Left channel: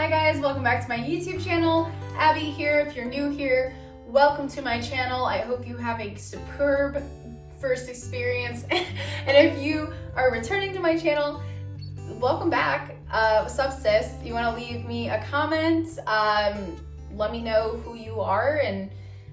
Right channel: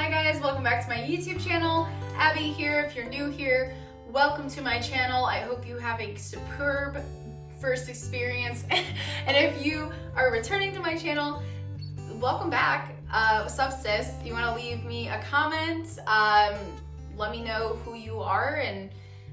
Hi guys, welcome back to my YouTube channel. Abby here. If you're new here, welcome to my channel. I hope you have a superb first experience. And if you are returning to my channel, welcome back. What's up, sis? If you want to leave me a comment, let me know who you are and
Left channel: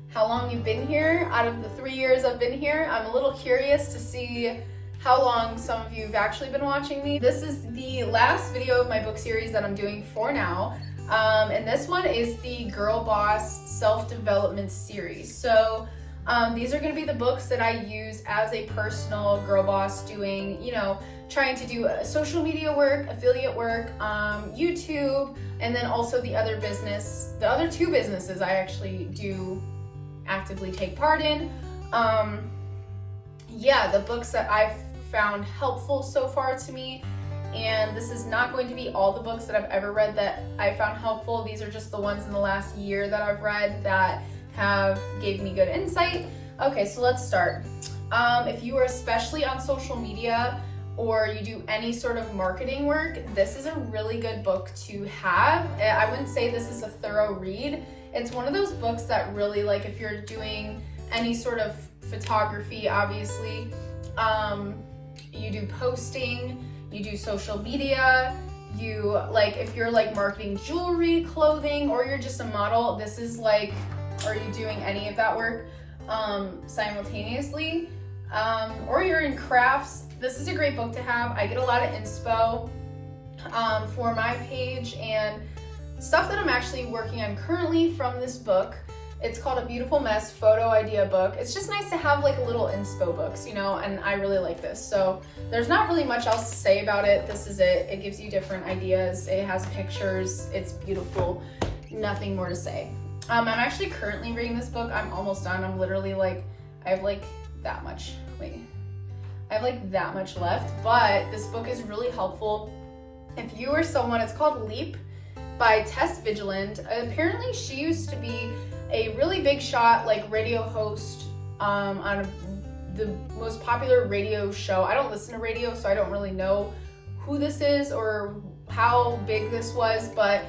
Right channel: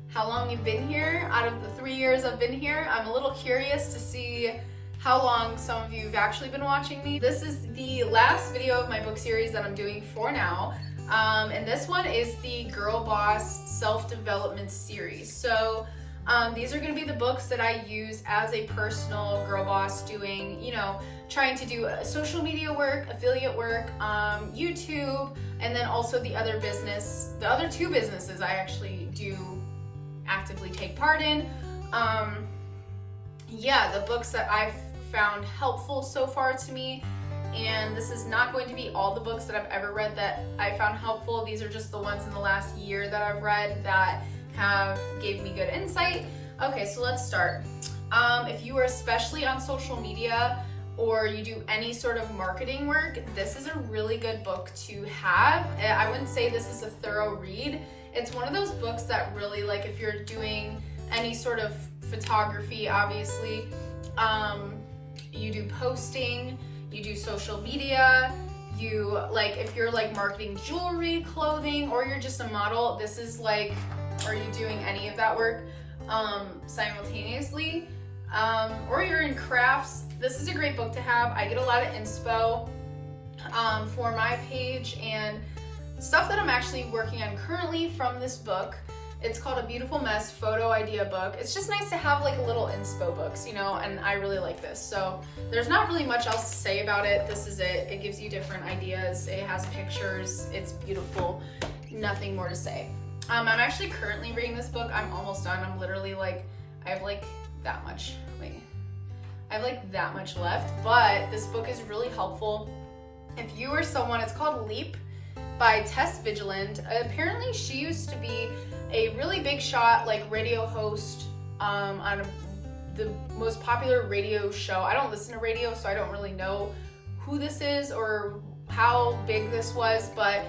how long you've been here. Out of the 3 years I've been here, I'm a little curious to see how long some of you have actually been watching me. This is the last video of my book series that I'm doing for now. And this one is the Girl Boss Self-Development series. So these are going to be the books that I use as a personal girl boss doing, trying to do social media work, affiliate work, YouTube, and then also the other two businesses I actually do actively take part in. The books that I've found helpful so far to me, and this is not going to be all the books that I've ever read that I found helpful. These are just the ones in the last year that I've read that gave me good insight. Okay, so let's start. If you are especially on social media or you do any sort of marketing work, this is a really good book to have. I wouldn't say this is a thorough read. It's one of those books that really, like, if you're doing any sort of photography, obviously, you do posting, you do social media, if you're like marketing jewelry, clothing, or you're just a model, this is like, are you doing any of that work simultaneously, or you're in crafts, this is a great book to have. I get a lot of inspo for my page and stuff that I'm actually working on currently from this book. It's called A Beautiful Mess Photo Idea Book. It's just nice to have like little inspo books, and I really like this. So there's not really much else to say about it. This is it. It gives you different ideas. It has pictures. It's beautiful. Nothing more to say. I'm actually currently reading this book. I'm almost done. I'm literally I have that much. I have that much left, but this book is really helpful. If you are someone, it's called Leap by Tess Vigeland. Apparently she used to be a really big shot radio host on the most popular radio show. I don't listen to radio, so I don't really know who this is or how big this was, but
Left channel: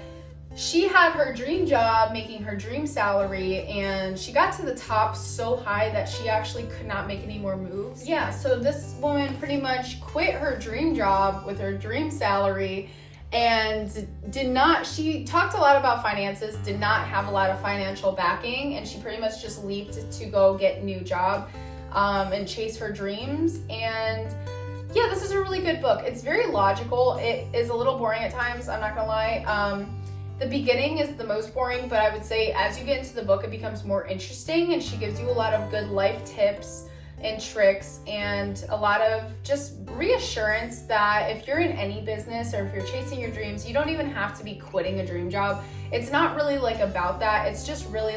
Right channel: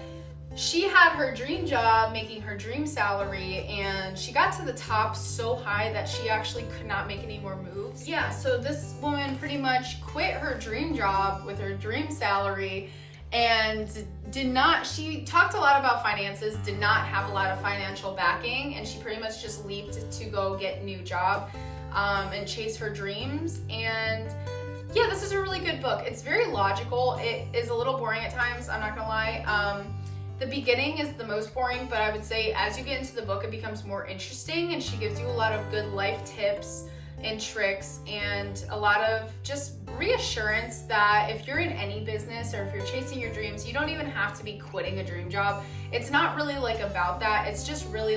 she had her dream job making her dream salary, and she got to the top so high that she actually could not make any more moves. Yeah, so this woman pretty much quit her dream job with her dream salary and she talked a lot about finances, did not have a lot of financial backing, and she pretty much just leaped to go get a new job and chase her dreams. And yeah, this is a really good book. It's very logical. It is a little boring at times, I'm not gonna lie. The beginning is the most boring, but I would say as you get into the book, it becomes more interesting, and she gives you a lot of good life tips and tricks and a lot of just reassurance that if you're in any business or if you're chasing your dreams, you don't even have to be quitting a dream job. It's not really about that. It's just really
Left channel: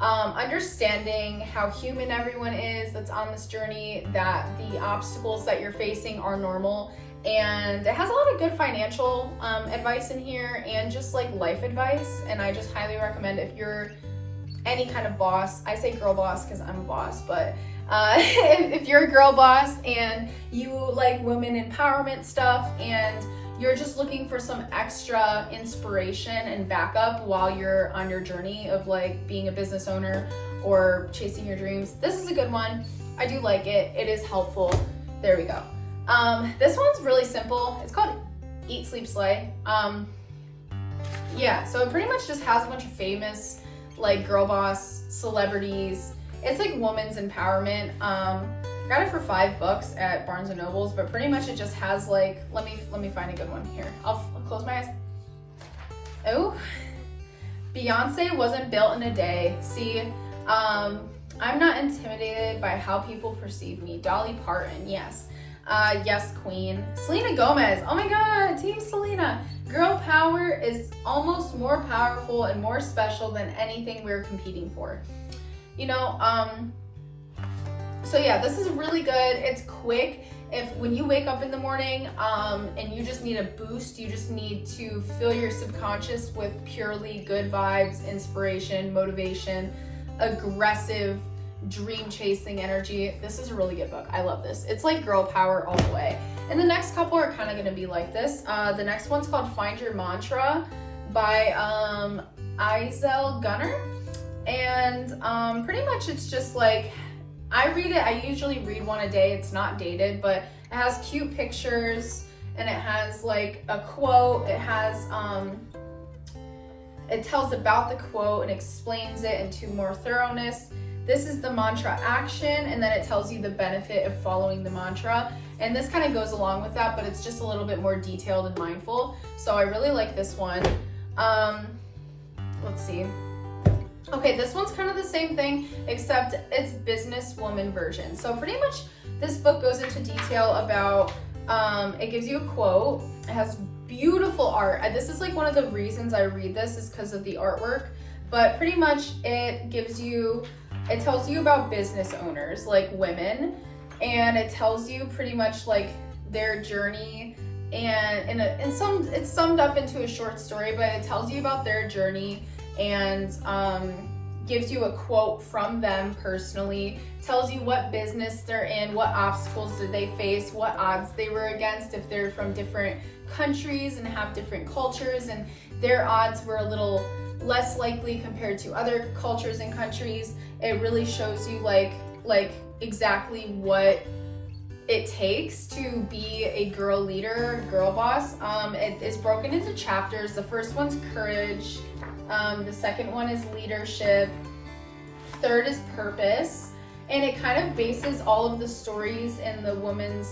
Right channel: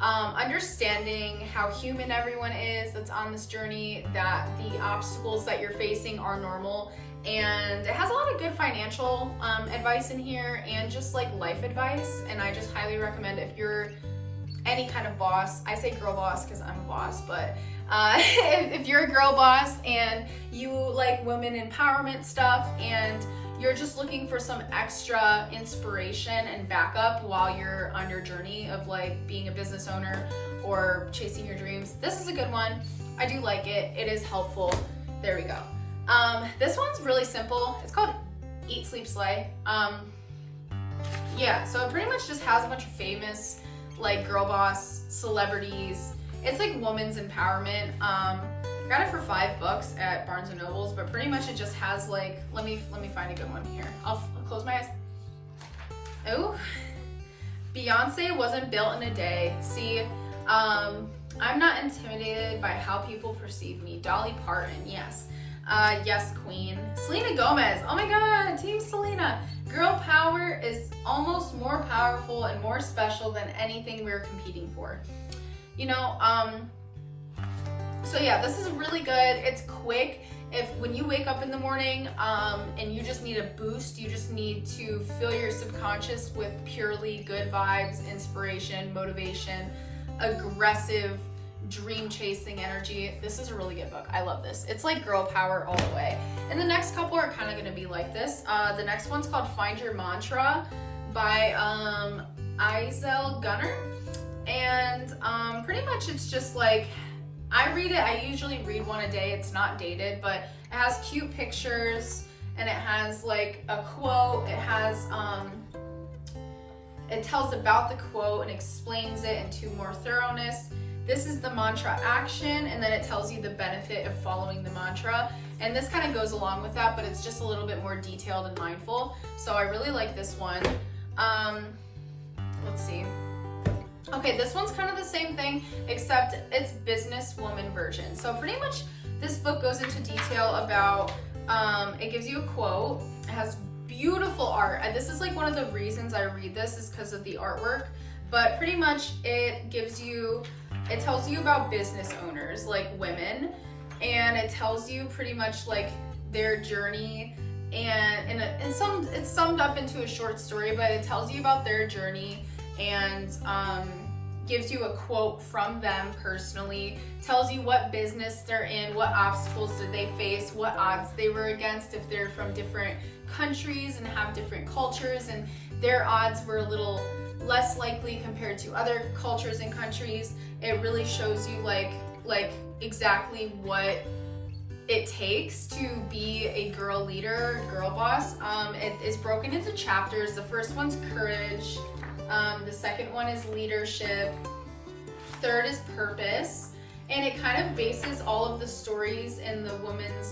understanding how human everyone is that's on this journey, that the obstacles that you're facing are normal. And it has a lot of good financial advice in here and just life advice. And I just highly recommend if you're any kind of boss. I say girl boss because I'm a boss, but if you're a girl boss and you like women empowerment stuff and you're just looking for some extra inspiration and backup while you're on your journey of being a business owner or chasing your dreams, this is a good one. I do like it. It is helpful. There we go. This one's really simple. It's called Eat, Sleep, Slay. So it pretty much just has a bunch of famous girl boss celebrities. It's women's empowerment. Got it for $5 at Barnes and Nobles, but pretty much it just has let me find a good one here. I'll close my eyes. Oh, Beyonce wasn't built in a day. See, I'm not intimidated by how people perceive me. Dolly Parton, yes. Yes, queen. Selena Gomez. Oh my god, Team Selena. Girl power is almost more powerful and more special than anything we're competing for. So yeah, this is really good. It's quick. When you wake up in the morning and you just need a boost, you just need to fill your subconscious with purely good vibes, inspiration, motivation, aggressive, dream chasing energy. This is a really good book. I love this. It's girl power all the way. And the next couple are kind of going to be like this. The next one's called Find Your Mantra by Eisel Gunner. And pretty much it's just like, I read it, I usually read one a day. It's not dated, but it has cute pictures and it has like a quote. It has, it tells about the quote and explains it into more thoroughness. This is the mantra action, and then it tells you the benefit of following the mantra. And this kind of goes along with that, but it's just a little bit more detailed and mindful. So I really like this one. Let's see. Okay, this one's kind of the same thing, except it's businesswoman version. So pretty much this book goes into detail about, it gives you a quote. It has beautiful art. This is like one of the reasons I read this is because of the artwork. But pretty much it tells you about business owners, like women, and it tells you pretty much like their journey, and it's summed up into a short story, but it tells you about their journey and gives you a quote from them personally, tells you what business they're in, what obstacles did they face, what odds they were against, if they're from different countries and have different cultures, and their odds were a little less likely compared to other cultures and countries. It really shows you like exactly what it takes to be a girl leader, girl boss. It is broken into chapters. The first one's courage. The second one is leadership. Third is purpose. And it kind of bases all of the stories and the woman's,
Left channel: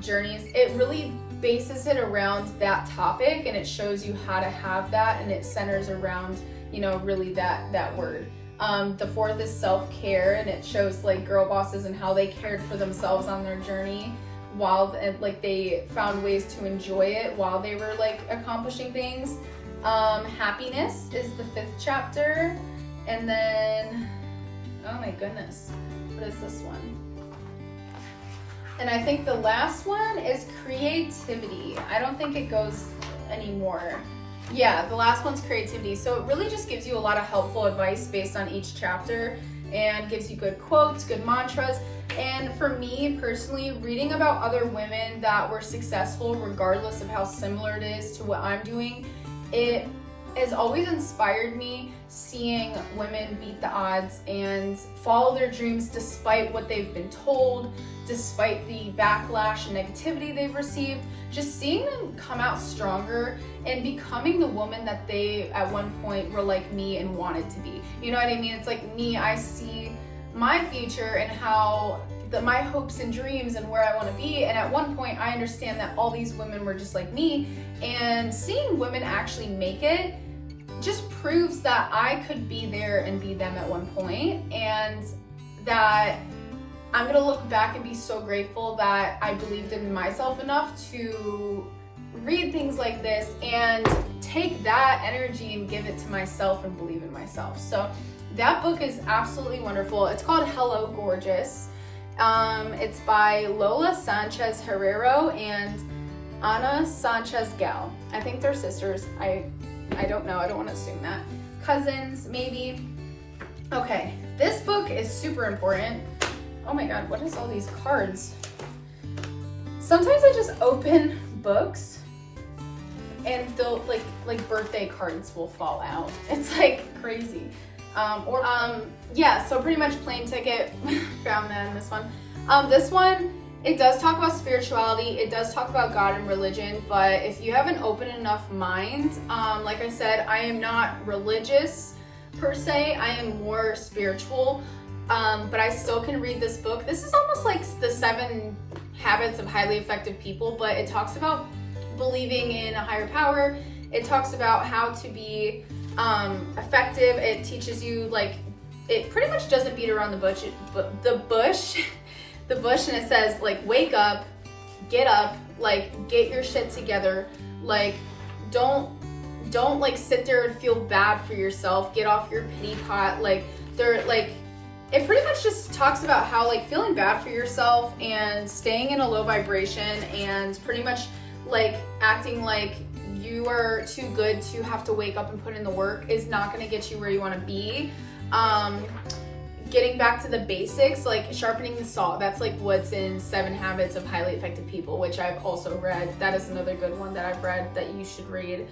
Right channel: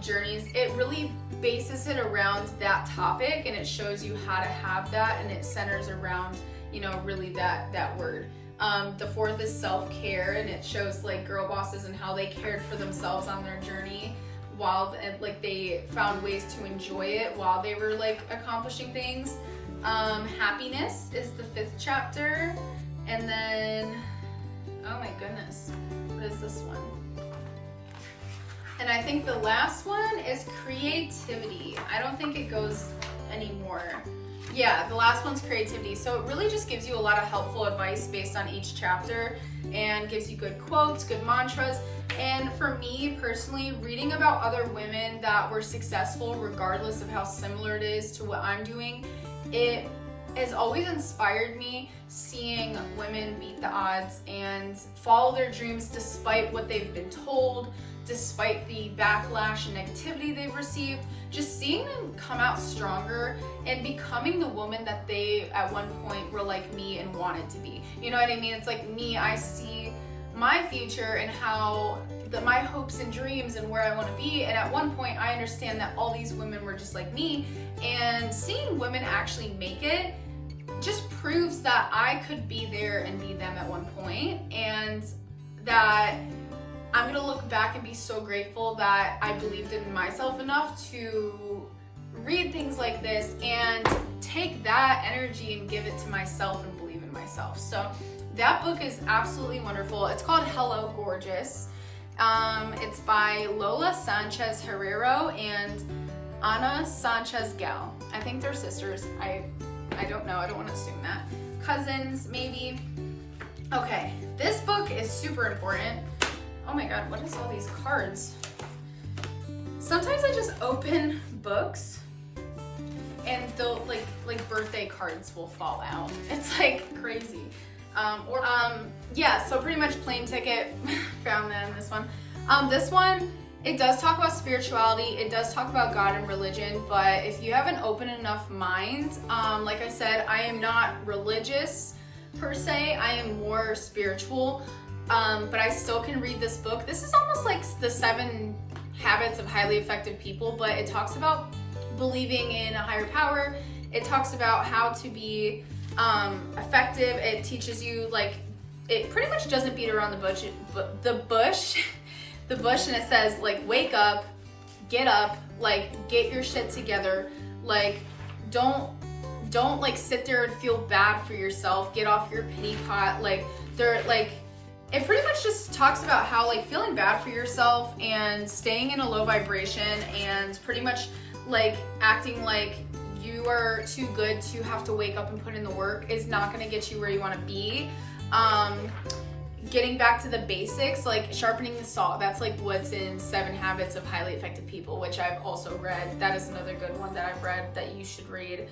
journeys. It really bases it around that topic, and it shows you how to have that, and it centers around, really that word. The fourth is self-care, and it shows like girl bosses and how they cared for themselves on their journey while they found ways to enjoy it while they were like accomplishing things. Happiness is the fifth chapter. And then, oh my goodness, what is this one? And I think the last one is creativity. I don't think it goes anymore. Yeah, the last one's creativity. So it really just gives you a lot of helpful advice based on each chapter and gives you good quotes, good mantras. And for me personally, reading about other women that were successful regardless of how similar it is to what I'm doing, it has always inspired me, seeing women beat the odds and follow their dreams despite what they've been told, despite the backlash and negativity they've received. Just seeing them come out stronger and becoming the woman that they at one point were like me and wanted to be. You know what I mean? It's like me, I see my future and how my hopes and dreams and where I want to be, and at one point I understand that all these women were just like me, and seeing women actually make it just proves that I could be there and be them at one point, and that I'm gonna look back and be so grateful that I believed in myself enough to read things like this and take that energy and give it to myself and believe in myself. So that book is absolutely wonderful. It's called Hello Gorgeous. It's by Lola Sanchez Herrero and Ana Sanchez Gal. I think they're sisters. I don't know. I don't want to assume that. Cousins, maybe. Okay, this book is super important. Oh my god, what is all these cards? Sometimes I just open books and they'll like birthday cards will fall out. It's like crazy. Yeah, so pretty much plane ticket. Found that in this one. This one, it does talk about spirituality, it does talk about God and religion, but if you have an open enough mind, like I said, I am not religious per se, I am more spiritual, but I still can read this book. This is almost like the 7 Habits of Highly Effective People, but it talks about believing in a higher power. It talks about how to be effective. It teaches you, like, it pretty much doesn't beat around the bush, and it says, like, wake up, like, get your shit together, like, don't like sit there and feel bad for yourself, get off your pity pot. Like, it pretty much just talks about how, like, feeling bad for yourself and staying in a low vibration and pretty much like acting like you are too good to have to wake up and put in the work is not going to get you where you want to be. getting back to the basics, like sharpening the saw. That's like what's in 7 Habits of Highly Effective People, which I've also read. That is another good one that I've read that you should read.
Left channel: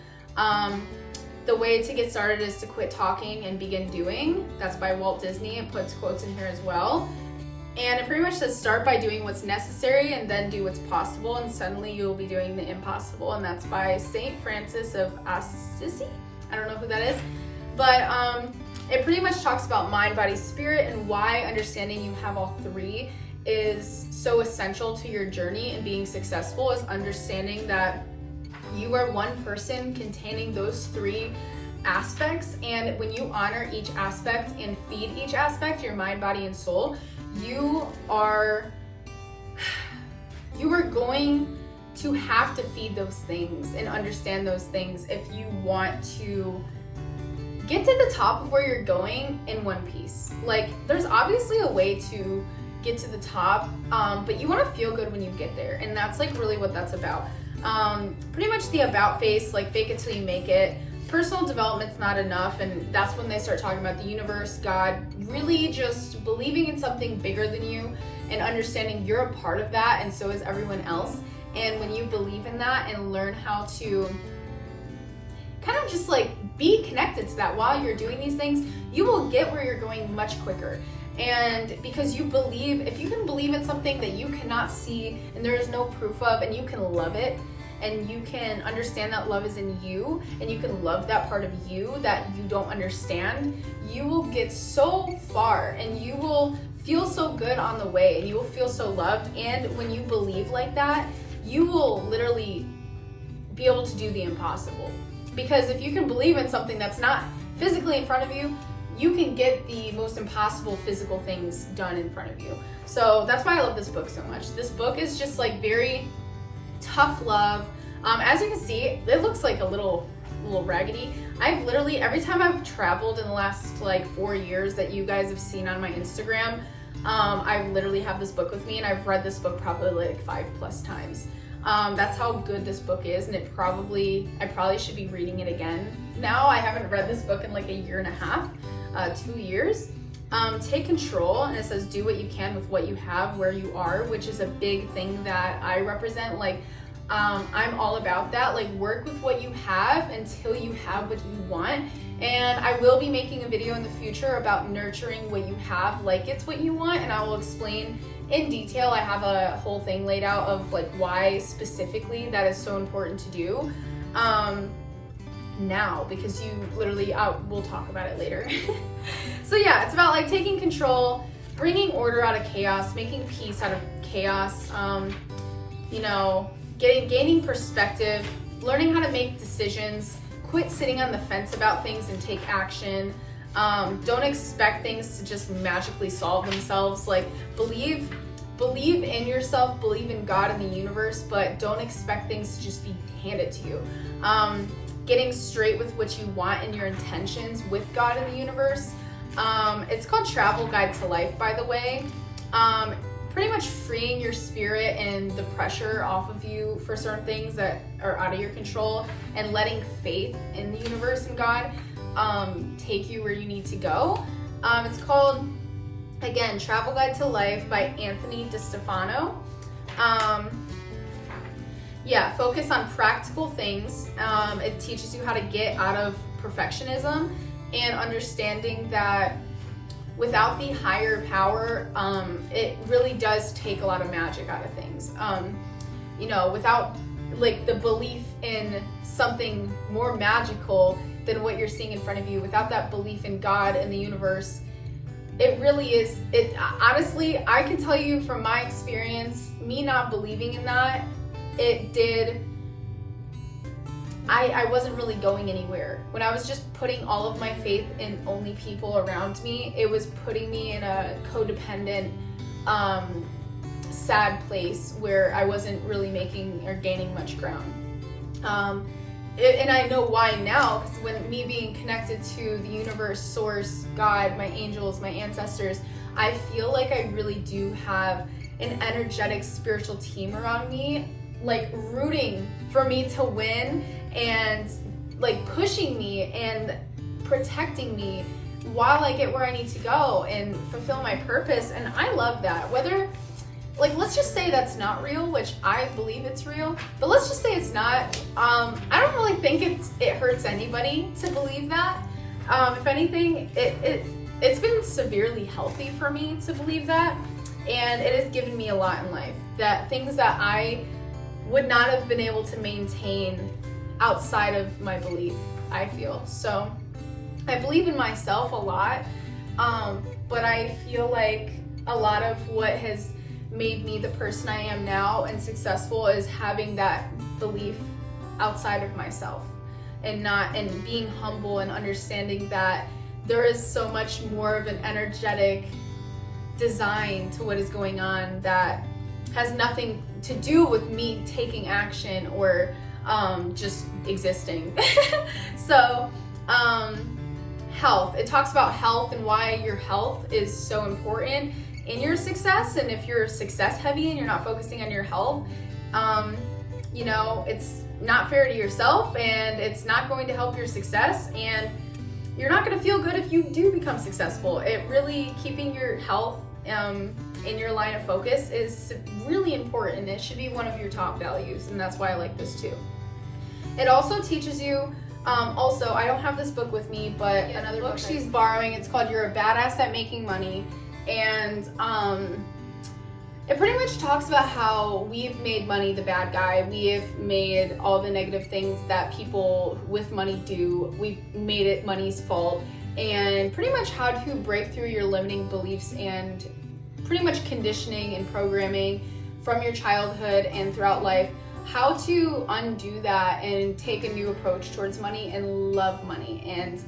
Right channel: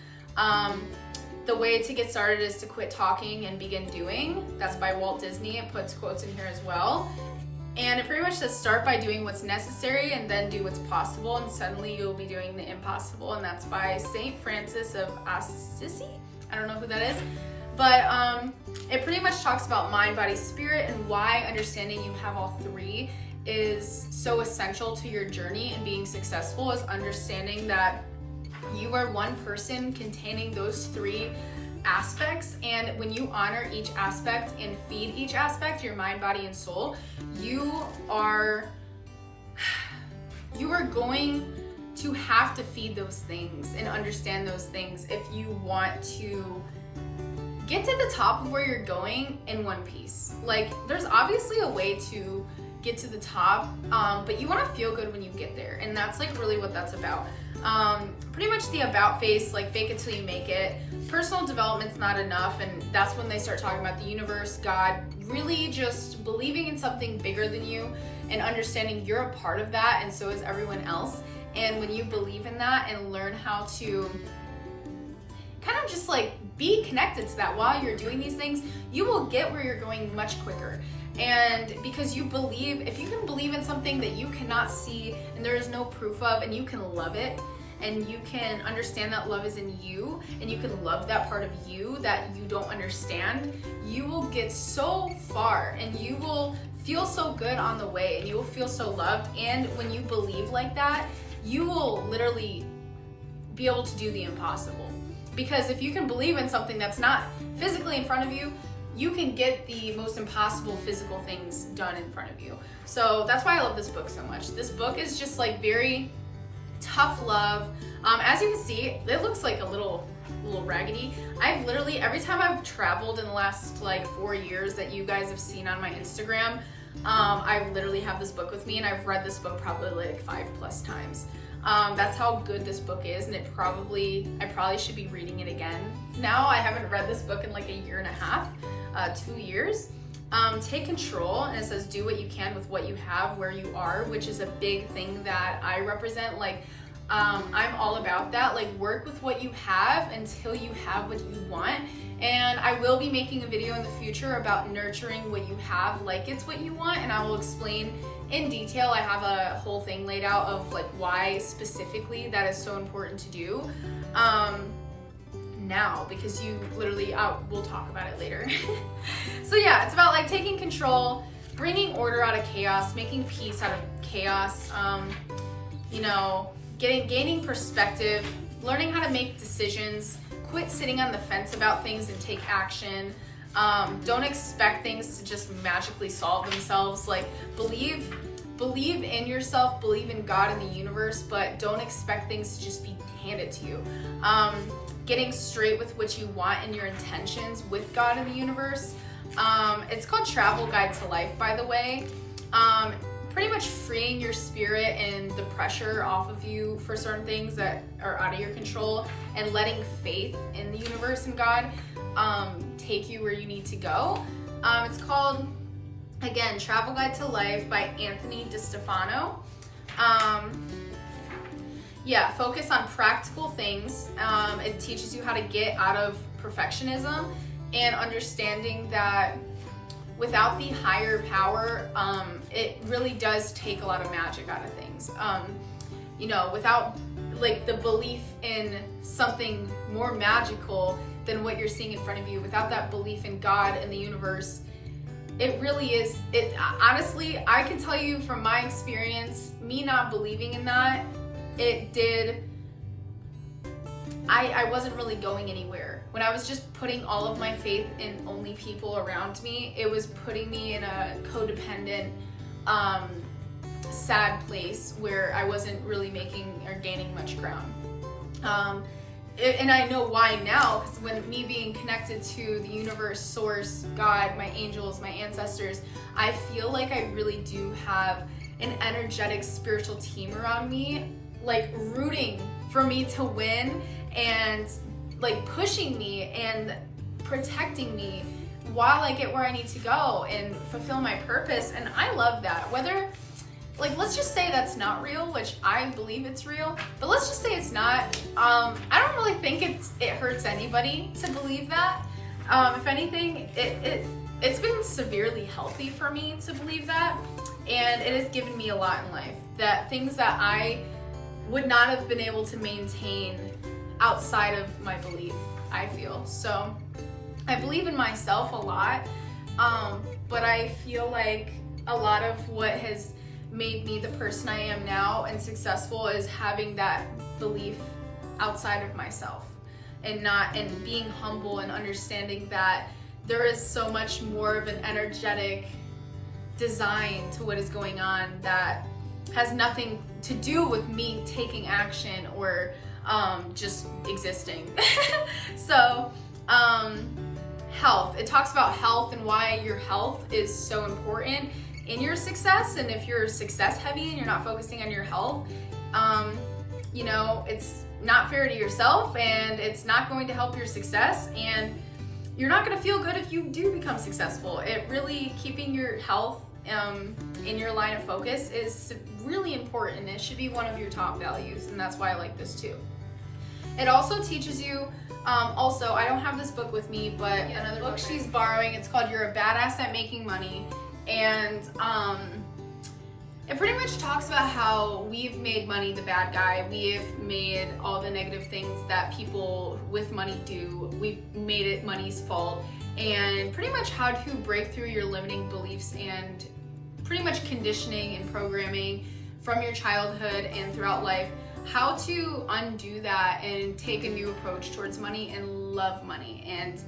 The way to get started is to quit talking and begin doing. That's by Walt Disney. It puts quotes in here as well. And it pretty much says start by doing what's necessary and then do what's possible, and suddenly you'll be doing the impossible. And that's by St. Francis of Assisi. I don't know who that is. But it pretty much talks about mind, body, spirit, and why understanding you have all 3 is so essential to your journey and being successful, is understanding that you are one person containing those 3 aspects, and when you honor each aspect and feed each aspect, your mind, body, and soul, you are going to have to feed those things and understand those things if you want to get to the top of where you're going in one piece. Like, there's obviously a way to get to the top, but you want to feel good when you get there, and that's like really what that's about. Pretty much the about face, like fake it till you make it. Personal development's not enough, and that's when they start talking about the universe, God, really just believing in something bigger than you and understanding you're a part of that, and so is everyone else. And when you believe in that and learn how to kind of just like be connected to that while you're doing these things, you will get where you're going much quicker. And because you believe, if you can believe in something that you cannot see and there is no proof of, and you can love it, and you can understand that love is in you, and you can love that part of you that you don't understand, you will get so far, and you will feel so good on the way, and you will feel so loved. And when you believe like that, you will literally be able to do the impossible. Because if you can believe in something that's not physically in front of you, you can get the most impossible physical things done in front of you. So that's why I love this book so much. This book is just like very tough love. As you can see, it looks like a little raggedy. I've literally, every time I've traveled in the last like 4 years that you guys have seen on my Instagram, I literally have this book with me, and I've read this book probably like 5+ times. That's how good this book is, and I probably should be reading it again. Now I haven't read this book in like a 1.5 years, 2 years. Take control, and it says do what you can with what you have where you are, which is a big thing that I represent. Like, I'm all about that. Like, work with what you have until you have what you want. And I will be making a video in the future about nurturing what you have like it's what you want, and I will explain in detail. I have a whole thing laid out of like why specifically that is so important to do now, because you literally, we'll talk about it later. So yeah, it's about like taking control, bringing order out of chaos, making peace out of chaos, gaining perspective, learning how to make decisions, quit sitting on the fence about things and take action. Don't expect things to just magically solve themselves. Like, believe in yourself, believe in God and the universe, but don't expect things to just be handed to you. Getting straight with what you want and your intentions with God and the universe. It's called Travel Guide to Life, by the way. Pretty much freeing your spirit and the pressure off of you for certain things that are out of your control, and letting faith in the universe and God take you where you need to go. It's called, again, Travel Guide to Life by Anthony DeStefano. Yeah, focus on practical things. It teaches you how to get out of perfectionism and understanding that without the higher power, it really does take a lot of magic out of things. Without like the belief in something more magical than what you're seeing in front of you, without that belief in God and the universe, it really is, honestly, I can tell you from my experience, me not believing in that, I wasn't really going anywhere. When I was just putting all of my faith in only people around me, it was putting me in a codependent, sad place where I wasn't really making or gaining much ground. And I know why now, because when me being connected to the universe, source, God, my angels, my ancestors, I feel like I really do have an energetic spiritual team around me, like rooting for me to win and like pushing me and protecting me while I get where I need to go and fulfill my purpose. And I love that. Whether, like, let's just say that's not real, which I believe it's real, but let's just say it's not. I don't really think it hurts anybody to believe that. If anything, it's been severely healthy for me to believe that, and it has given me a lot in life. That things that I would not have been able to maintain outside of my belief, I feel. So I believe in myself a lot, but I feel like a lot of what has made me the person I am now and successful is having that belief outside of myself, and being humble and understanding that there is so much more of an energetic design to what is going on that has nothing to do with me taking action or just existing. So health, it talks about health and why your health is so important in your success. And if you're success heavy and you're not focusing on your health, you know, it's not fair to yourself, and it's not going to help your success, and you're not going to feel good if you do become successful. It really, keeping your health in your line of focus is really important. It should be one of your top values, and that's why I like this too. It also teaches you, also, I don't have this book with me, but another book she's borrowing, it's called You're a Badass at Making Money. And it pretty much talks about how we've made money the bad guy. We've made all the negative things that people with money do. We've made it money's fault, and pretty much how to break through your limiting beliefs and pretty much conditioning and programming from your childhood and throughout life, how to undo that and take a new approach towards money and love money and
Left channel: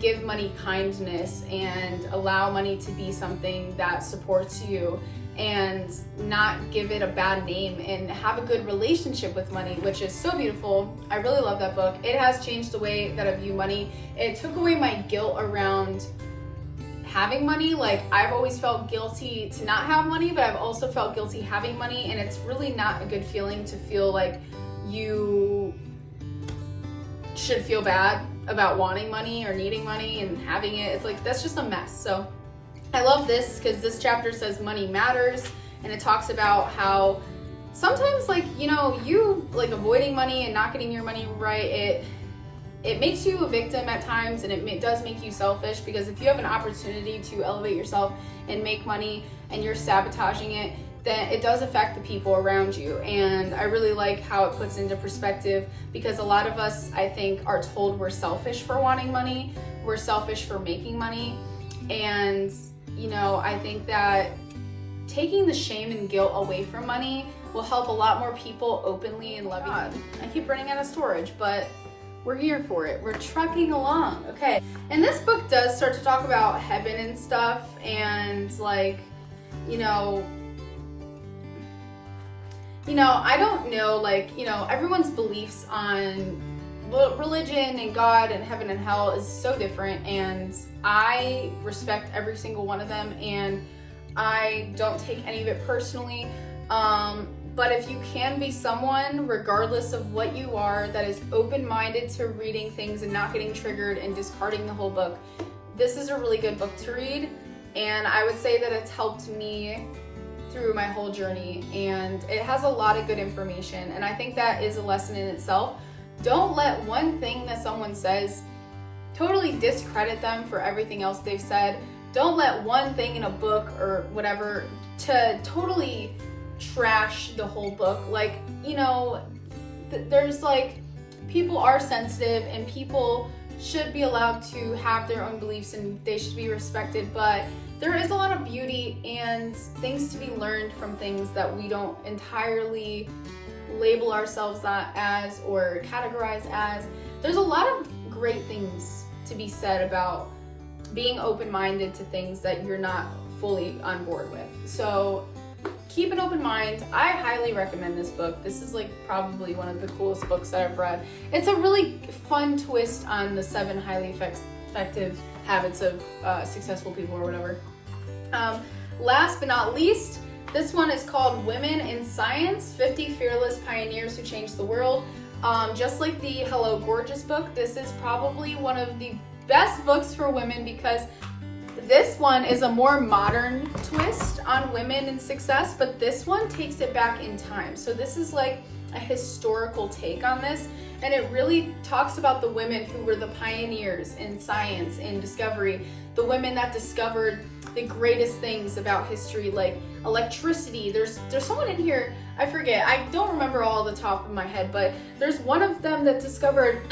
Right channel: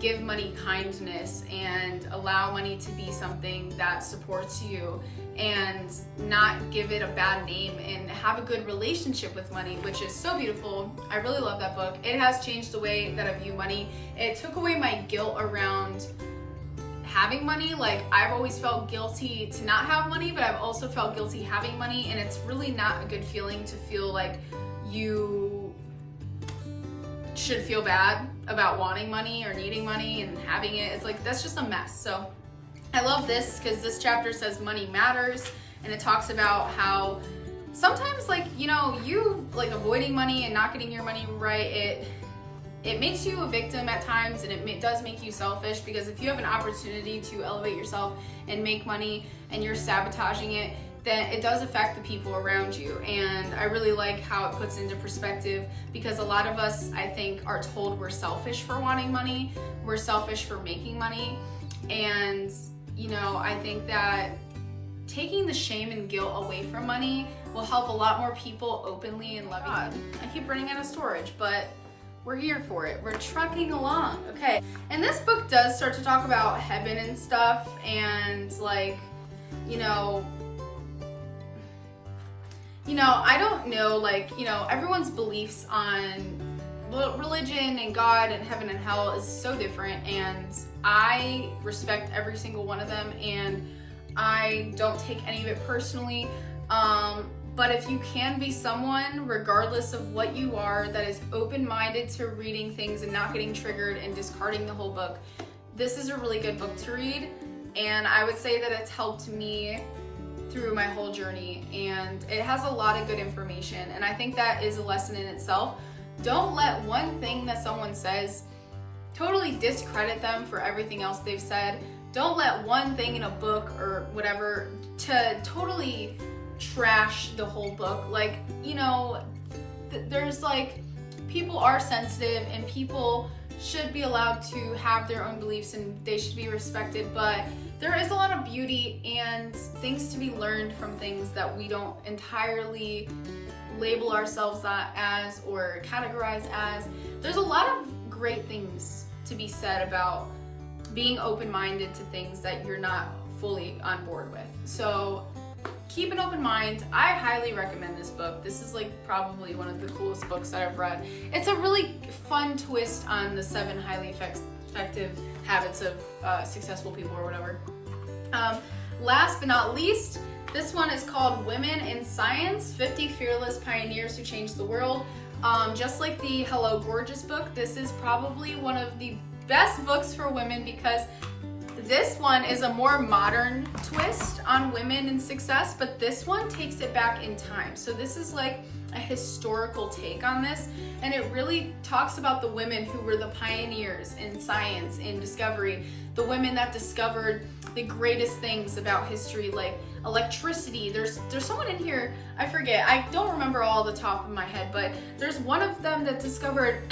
give money kindness and allow money to be something that supports you and not give it a bad name, and have a good relationship with money, which is so beautiful. I really love that book. It has changed the way that I view money. It took away my guilt around having money. Like, I've always felt guilty to not have money, but I've also felt guilty having money, and it's really not a good feeling to feel like you should feel bad about wanting money or needing money and having it. It's like, that's just a mess. So I love this because this chapter says money matters, and it talks about how sometimes, like, you know, you like avoiding money and not getting your money right, it makes you a victim at times, and it does make you selfish, because if you have an opportunity to elevate yourself and make money and you're sabotaging it, then it does affect the people around you. And I really like how it puts into perspective, because a lot of us, I think, are told we're selfish for wanting money, we're selfish for making money. And, you know, I think that taking the shame and guilt away from money will help a lot more people openly and loving. I keep running out of storage, but we're here for it. We're trucking along. Okay. And this book does start to talk about heaven and stuff, and like, you know, I don't know, like, you know, everyone's beliefs on religion and God and heaven and hell is so different, and I respect every single one of them, and I don't take any of it personally. But if you can be someone, regardless of what you are, that is open-minded to reading things and not getting triggered and discarding the whole book, this is a really good book to read. And I would say that it's helped me through my whole journey, and it has a lot of good information, and I think that is a lesson in itself. Don't let one thing that someone says totally discredit them for everything else they've said. Don't let one thing in a book or whatever to totally trash the whole book. Like, you know, there's like, people are sensitive and people should be allowed to have their own beliefs and they should be respected, but there is a lot of beauty and things to be learned from things that we don't entirely label ourselves as or categorize as. There's a lot of great things to be said about being open-minded to things that you're not fully on board with. So keep an open mind. I highly recommend this book. This is like probably one of the coolest books that I've read. It's a really fun twist on the 7 highly effective habits of successful people or whatever. Last but not least, this one is called Women in Science, 50 Fearless Pioneers Who Changed the World. Just like the Hello Gorgeous book, this is probably one of the best books for women because this one is a more modern twist on women and success, but this one takes it back in time. So this is like a historical take on this, and it really talks about the women who were the pioneers in science and discovery, the women that discovered the greatest things about history, like electricity. There's someone in here, I forget, I don't remember all the top of my head, but there's one of them that discovered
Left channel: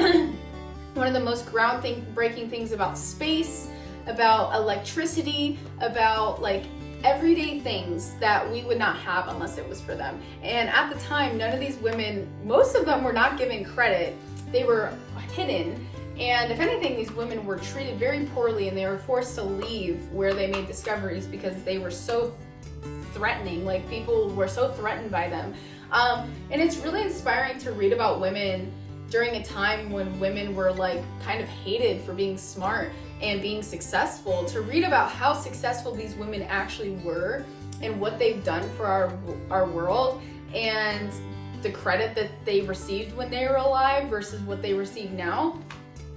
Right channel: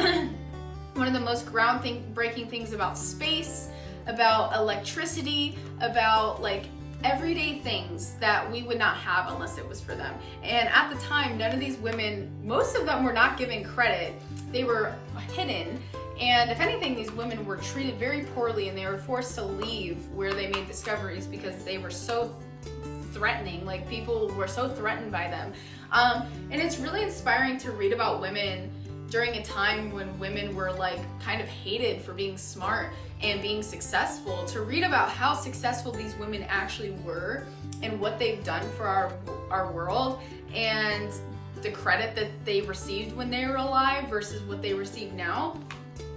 one of the most groundbreaking things about space, about electricity, about like everyday things that we would not have unless it was for them. And at the time, none of these women, most of them were not given credit. They were hidden. And if anything, these women were treated very poorly and they were forced to leave where they made discoveries because they were so threatening. Like, people were so threatened by them. And it's really inspiring to read about women during a time when women were like kind of hated for being smart and being successful, to read about how successful these women actually were and what they've done for our world, and the credit that they received when they were alive versus what they receive now.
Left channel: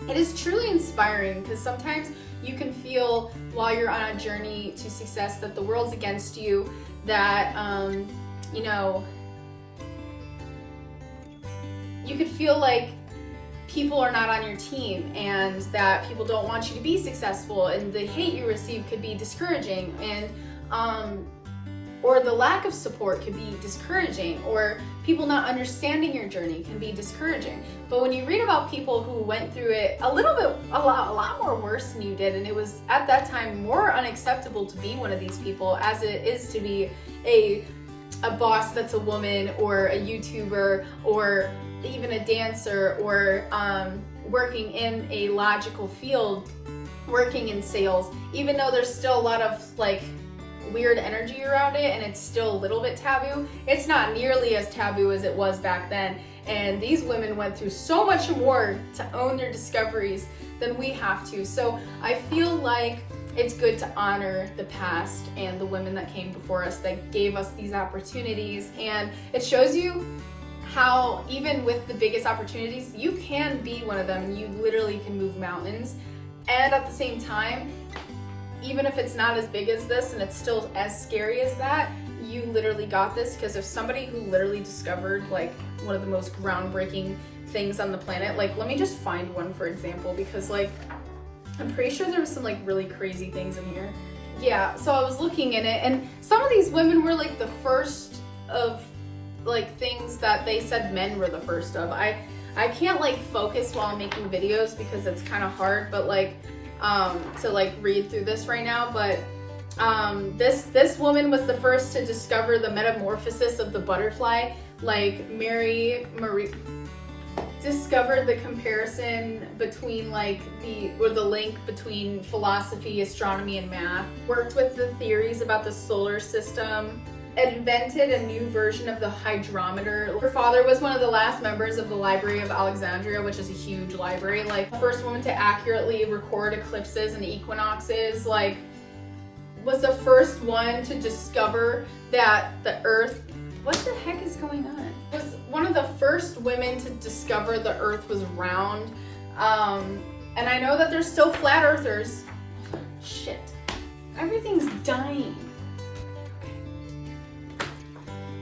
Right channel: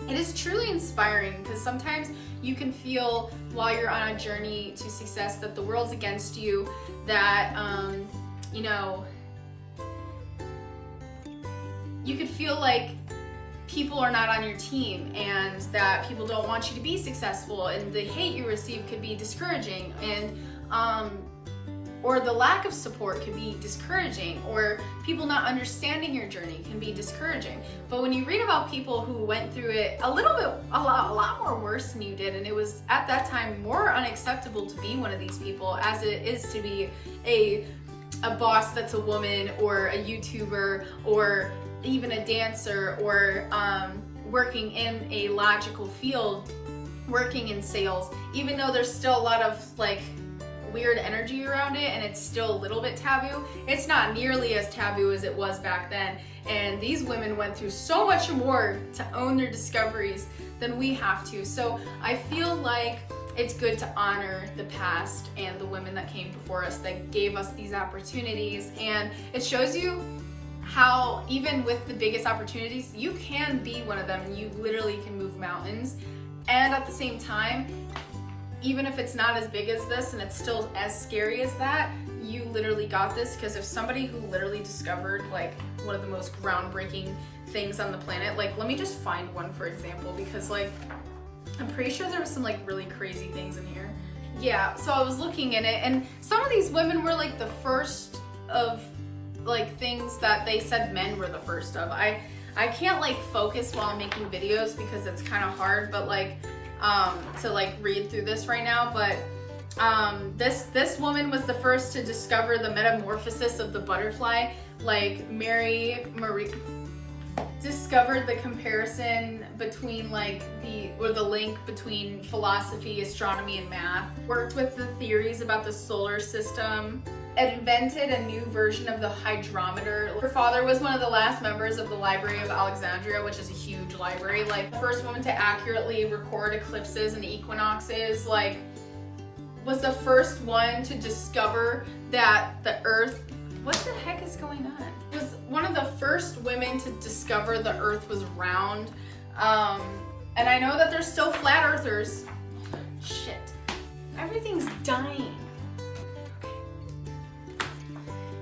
It is truly inspiring because sometimes you can feel while you're on a journey to success that the world's against you, that you know, you could feel like people are not on your team and that people don't want you to be successful, and the hate you receive could be discouraging, and or the lack of support could be discouraging, or people not understanding your journey can be discouraging. But when you read about people who went through it a lot more worse than you did, and it was at that time more unacceptable to be one of these people as it is to be a boss that's a woman, or a YouTuber, or even a dancer, or working in a logical field, working in sales, even though there's still a lot of like weird energy around it and it's still a little bit taboo, it's not nearly as taboo as it was back then. And these women went through so much more to own their discoveries than we have to. So I feel like it's good to honor the past and the women that came before us that gave us these opportunities. And it shows you how even with the biggest opportunities, you can be one of them, and you literally can move mountains. And at the same time, even if it's not as big as this and it's still as scary as that, you literally got this. Because if somebody who literally discovered like one of the most groundbreaking things on the planet, like, let me just find one for example, because like I'm pretty sure there was some like really crazy things in here. Yeah, so I was looking in it, and some of these women were like the first of like things that they said men were the first of. I can't like focus while I'm making videos because it's kind of hard, but like to like read through this right now. But this woman was the first to discover the metamorphosis of the butterfly. Like Marie discovered the comparison between like the link between philosophy, astronomy, and math. Worked with the theories about the solar system. Invented a new version of the hydrometer. Her father was one of the last members of the Library of Alexandria, which is a huge library. Like, first woman to accurately record eclipses and equinoxes. Like, was the first one to discover that the Earth, what the heck is going on? Was one of the first women to discover the Earth was round. And I know that there's still flat earthers. Shit, everything's dying.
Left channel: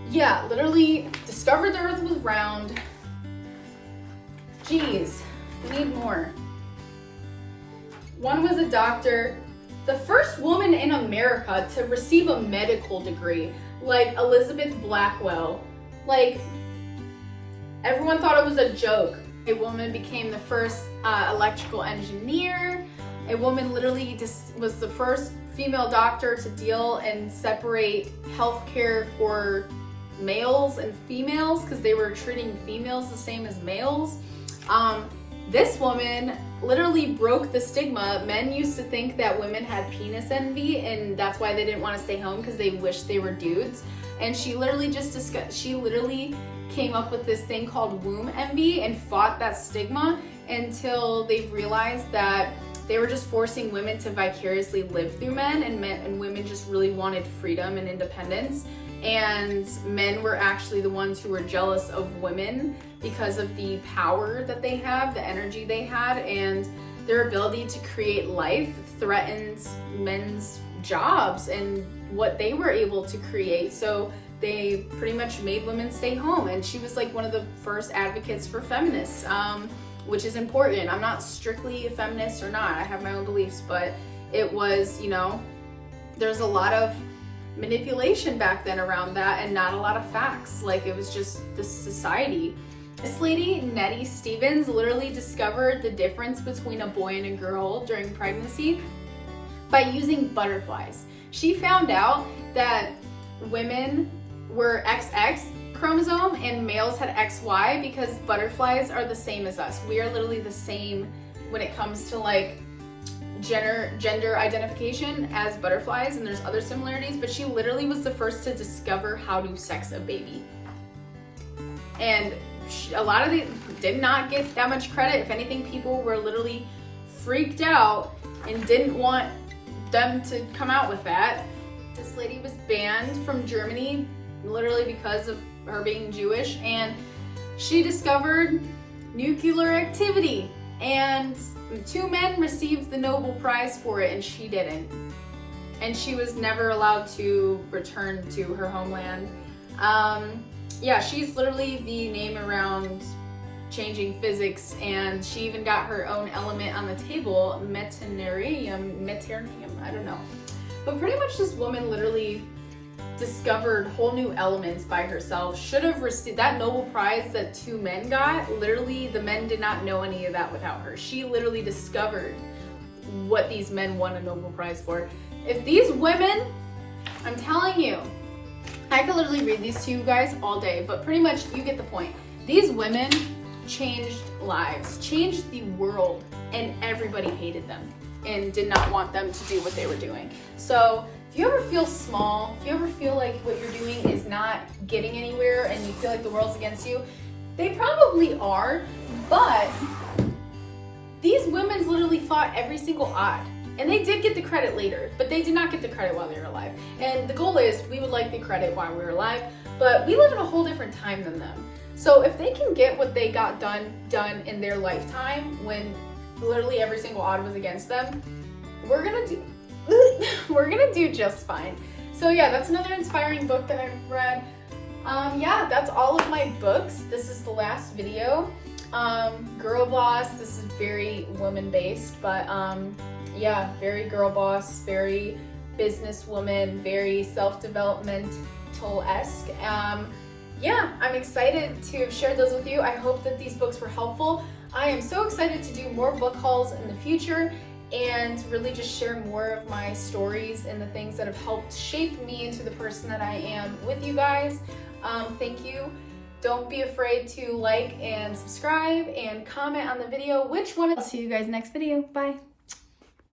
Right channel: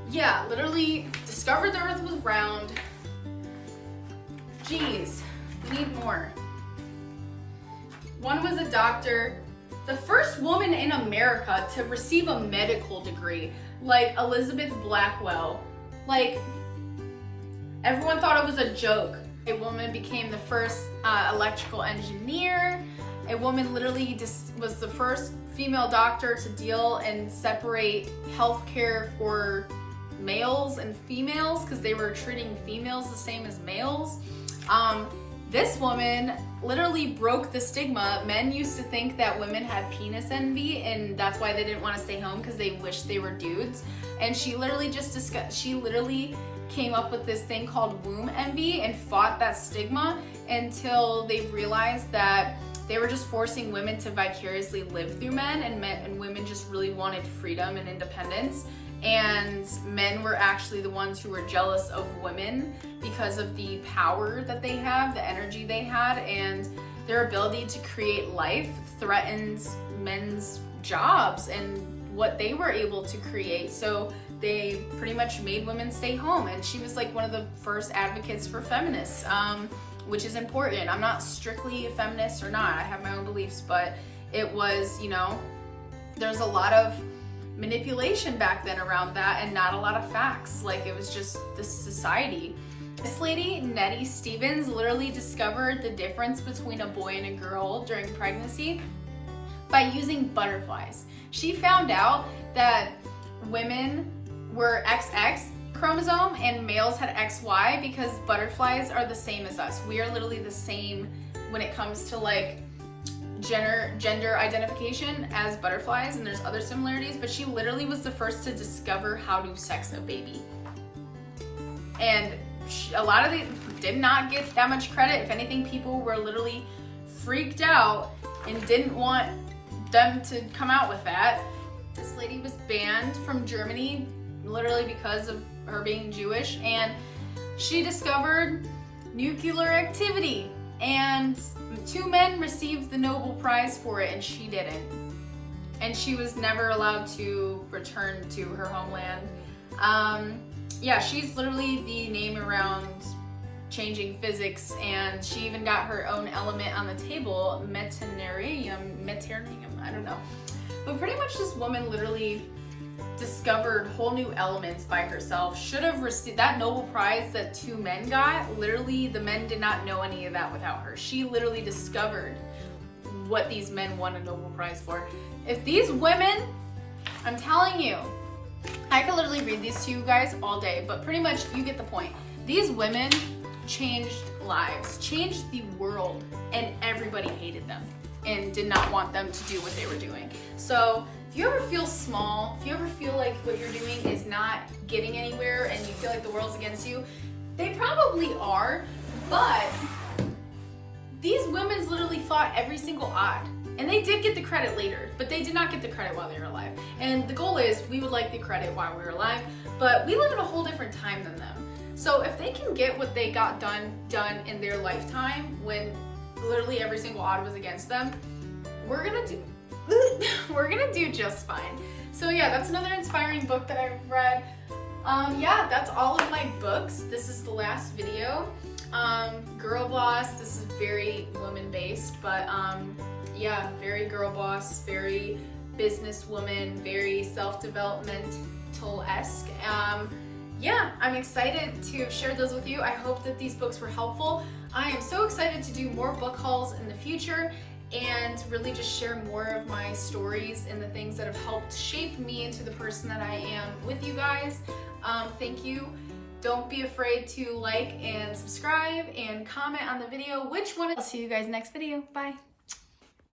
Yeah, literally discovered the Earth was round. Jeez, we need more. One was a doctor, the first woman in America to receive a medical degree, like Elizabeth Blackwell. Like, everyone thought it was a joke. A woman became the first electrical engineer. A woman literally just was the first female doctor to deal and separate healthcare for males and females, because they were treating females the same as males. This woman literally broke the stigma. Men used to think that women had penis envy, and that's why they didn't want to stay home, because they wished they were dudes. And she literally came up with this thing called womb envy and fought that stigma until they realized that they were just forcing women to vicariously live through men, and women just really wanted freedom and independence. And men were actually the ones who were jealous of women because of the power that they have, the energy they had, and their ability to create life threatens men's jobs and what they were able to create. So they pretty much made women stay home. And she was like one of the first advocates for feminists, which is important. I'm not strictly a feminist or not. I have my own beliefs, but it was, you know, there's a lot of manipulation back then around that and not a lot of facts. Like, it was just this society. This lady, Nettie Stevens, literally discovered the difference between a boy and a girl during pregnancy by using butterflies. She found out that women were XX chromosome and males had XY because butterflies are the same as us. We are literally the same when it comes to like gender identification as butterflies, and there's other similarities, but she literally was the first to discover how to sex a baby. And a lot of these did not get that much credit. If anything, people were literally freaked out and didn't want them to come out with that. This lady was banned from Germany literally because of her being Jewish, and she discovered nuclear activity, and 2 men received the Nobel Prize for it and she didn't. And she was never allowed to return to her homeland. Yeah, she's literally the name around changing physics, and she even got her own element on the table, metanerium, I don't know. But pretty much this woman literally discovered whole new elements by herself. Should have received that Nobel Prize that 2 men got. Literally, the men did not know any of that without her. She literally discovered what these men won a Nobel Prize for. If these women, I'm telling you, I could literally read these to you guys all day, but pretty much you get the point. These women changed lives, changed the world, and everybody hated them and did not want them to do what they were doing. So if you ever feel small, if you ever feel like what you're doing is not getting anywhere and you feel like the world's against you, they probably are, but these women literally fought every single odd. And they did get the credit later, but they did not get the credit while they were alive. And the goal is we would like the credit while we were alive, but we live in a whole different time than them. So if they can get what they got done in their lifetime when literally every single odd was against them, we're gonna do just fine. So yeah, that's another inspiring book that I've read. Yeah, that's all of my books. This is the last video. Girl Boss, this is very woman-based, but yeah, very girl boss, very businesswoman, very self-developmental-esque. Yeah, I'm excited to have shared those with you. I hope that these books were helpful. I am so excited to do more book hauls in the future and really just share more of my stories and the things that have helped shape me into the person that I am with you guys. Thank you. Don't be afraid to like and subscribe and comment on the video. I'll see you guys next video. Bye.